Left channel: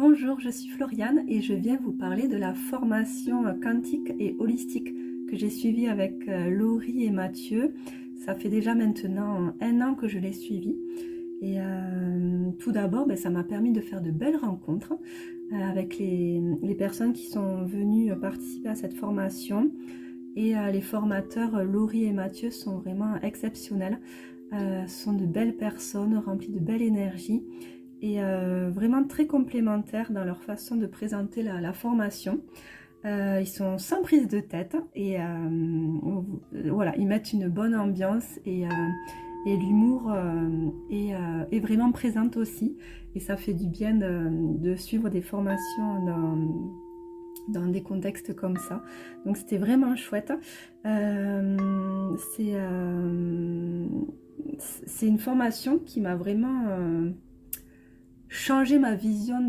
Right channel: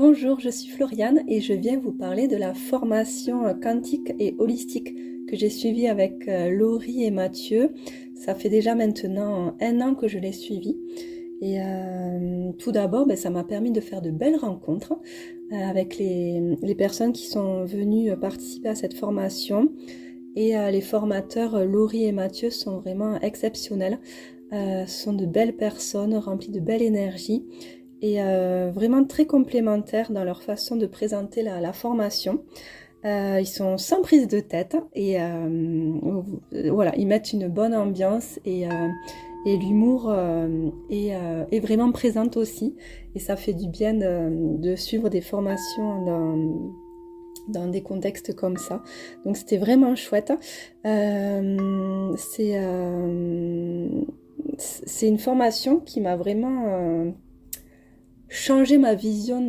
Bonjour, je suis Floriane et je viens vous parler de la formation quantique et holistique que j'ai suivie avec Laurie et Mathieu. Ça fait déjà maintenant 1 an que je l'ai suivie. Et tout d'abord, ça m'a permis de faire de belles rencontres avec les personnes qui sont venues participer à cette formation. Et les formateurs Laurie et Mathieu sont vraiment exceptionnels. Sont de belles personnes remplies de belle énergie et vraiment très complémentaires dans leur façon de présenter la formation. Ils sont sans prise de tête et voilà, ils mettent une bonne ambiance et l'humour est vraiment présent aussi. Et ça fait du bien de suivre des formations dans des contextes comme ça. Donc c'était vraiment chouette. C'est une formation qui m'a vraiment changé ma vision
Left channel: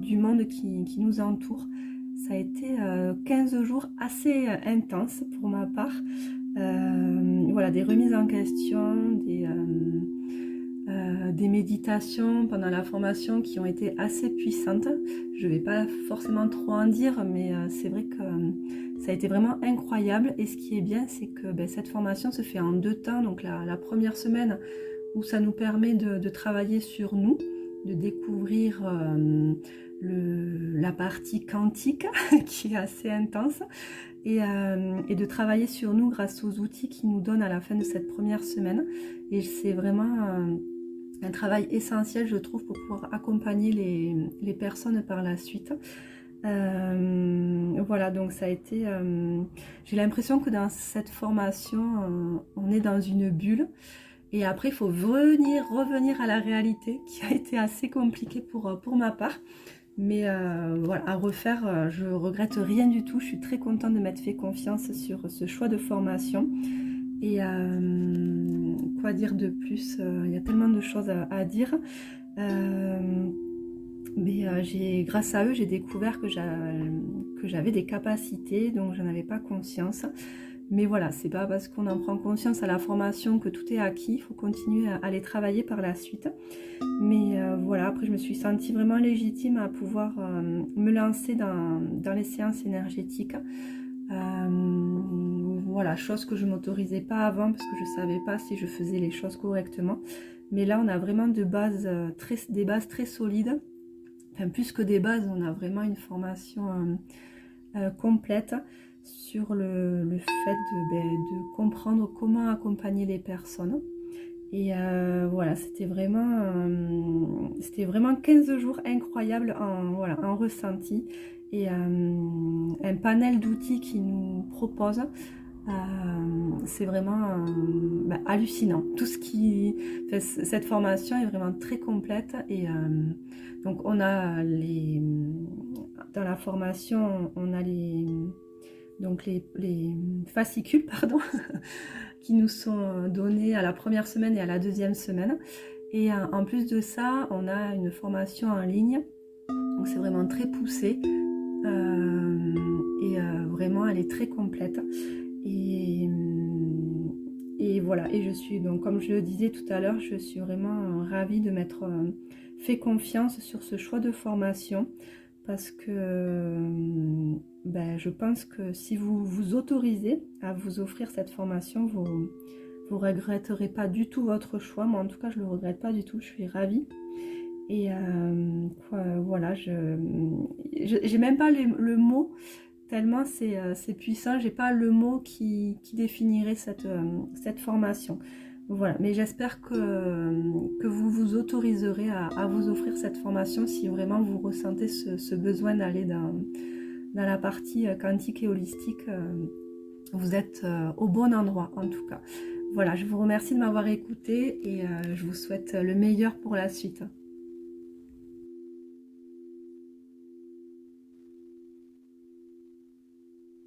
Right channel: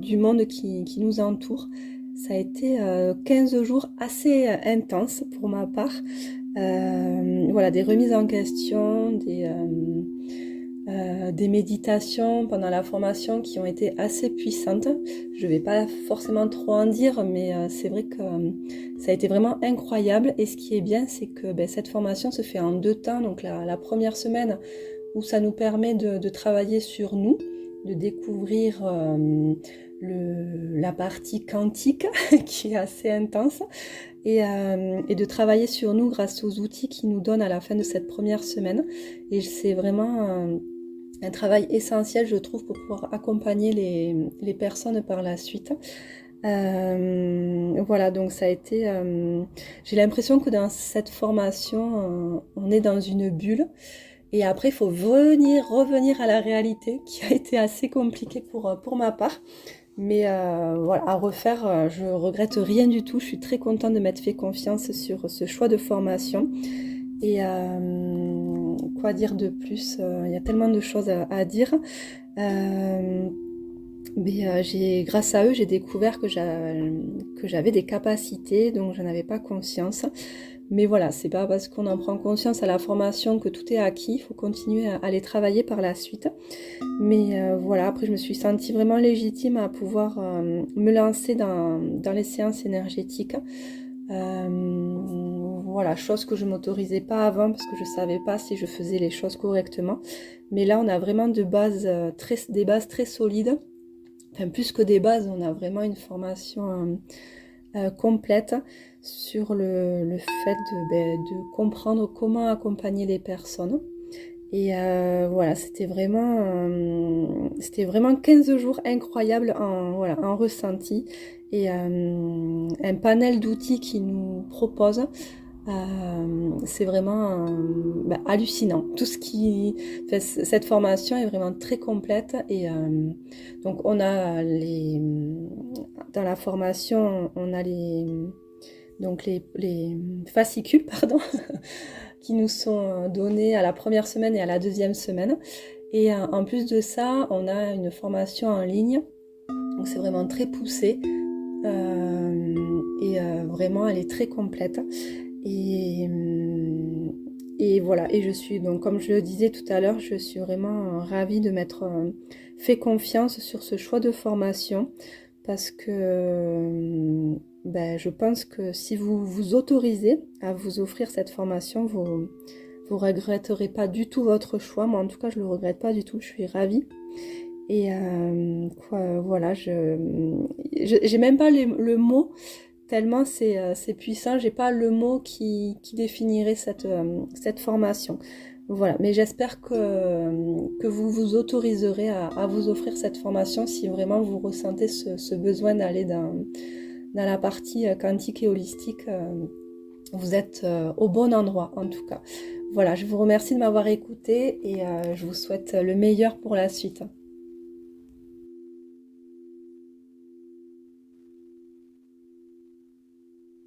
du monde qui nous entoure. Ça a été 15 jours assez intenses pour ma part. Voilà, des remises en question, des méditations pendant la formation qui ont été assez puissantes. Je ne vais pas forcément trop en dire, mais c'est vrai que ça a été vraiment incroyable. Et ce qui est bien, c'est que cette formation se fait en 2 temps. Donc la première semaine où ça nous permet de travailler sur nous, de découvrir la partie quantique qui est assez intense et de travailler sur nous grâce aux outils qu'ils nous donnent à la fin de cette première semaine. Et c'est vraiment un travail essentiel, je trouve, pour pouvoir accompagner les personnes par la suite. Voilà, donc ça a été... j'ai l'impression que dans cette formation, on est dans une bulle. Et après, il faut revenir à la réalité, qui a été assez compliquée pour ma part. Mais voilà, à refaire, je regrette rien du tout. Je suis très contente de m'être fait confiance sur ce choix de formation. Et quoi dire de plus? Il y a tellement de choses à dire. Mais grâce à eux, j'ai découvert que j'avais des capacités dont je n'avais pas conscience. Mais voilà, c'est pas parce qu'on en prend conscience à la formation que tout est acquis. Il faut continuer à les travailler par la suite. Mais voilà, après je me suis sentie vraiment légitime à pouvoir me lancer dans les séances énergétiques. Voilà, chose que je m'autorisais pas avant parce que je savais pas si je faisais les choses correctement. Mais là, on a vraiment des bases très solides. Enfin, plus que des bases, on a vraiment une formation complète sur le fait de comprendre comment accompagner les personnes. Et voilà, c'était vraiment 15 jours incroyables en ressenti et un panel d'outils qui nous propose. C'est vraiment hallucinant. Enfin, cette formation est vraiment très complète et donc on a dans la formation on a les fascicules pardon qui nous sont donnés à la première semaine et à la deuxième semaine. Et en plus de ça, on a une formation en ligne. Donc c'est vraiment très poussé. Vraiment, elle est très complète. Et voilà. Et je suis, donc comme je le disais tout à l'heure, je suis vraiment ravie de m'être fait confiance sur ce choix de formation. Parce que je pense que si vous vous autorisez à vous offrir cette formation, vous ne regretterez pas du tout votre choix. Moi, en tout cas, je ne le regrette pas du tout. Je suis ravie. Et voilà, j'ai même pas le mot, tellement c'est puissant. J'ai pas le mot qui définirait cette formation. Voilà, mais j'espère que vous vous autoriserez à vous offrir cette formation si vraiment vous ressentez ce besoin d'aller dans la partie quantique et holistique. Vous êtes au bon endroit en tout cas. Voilà, je vous remercie de m'avoir écouté et je vous souhaite le meilleur pour la suite.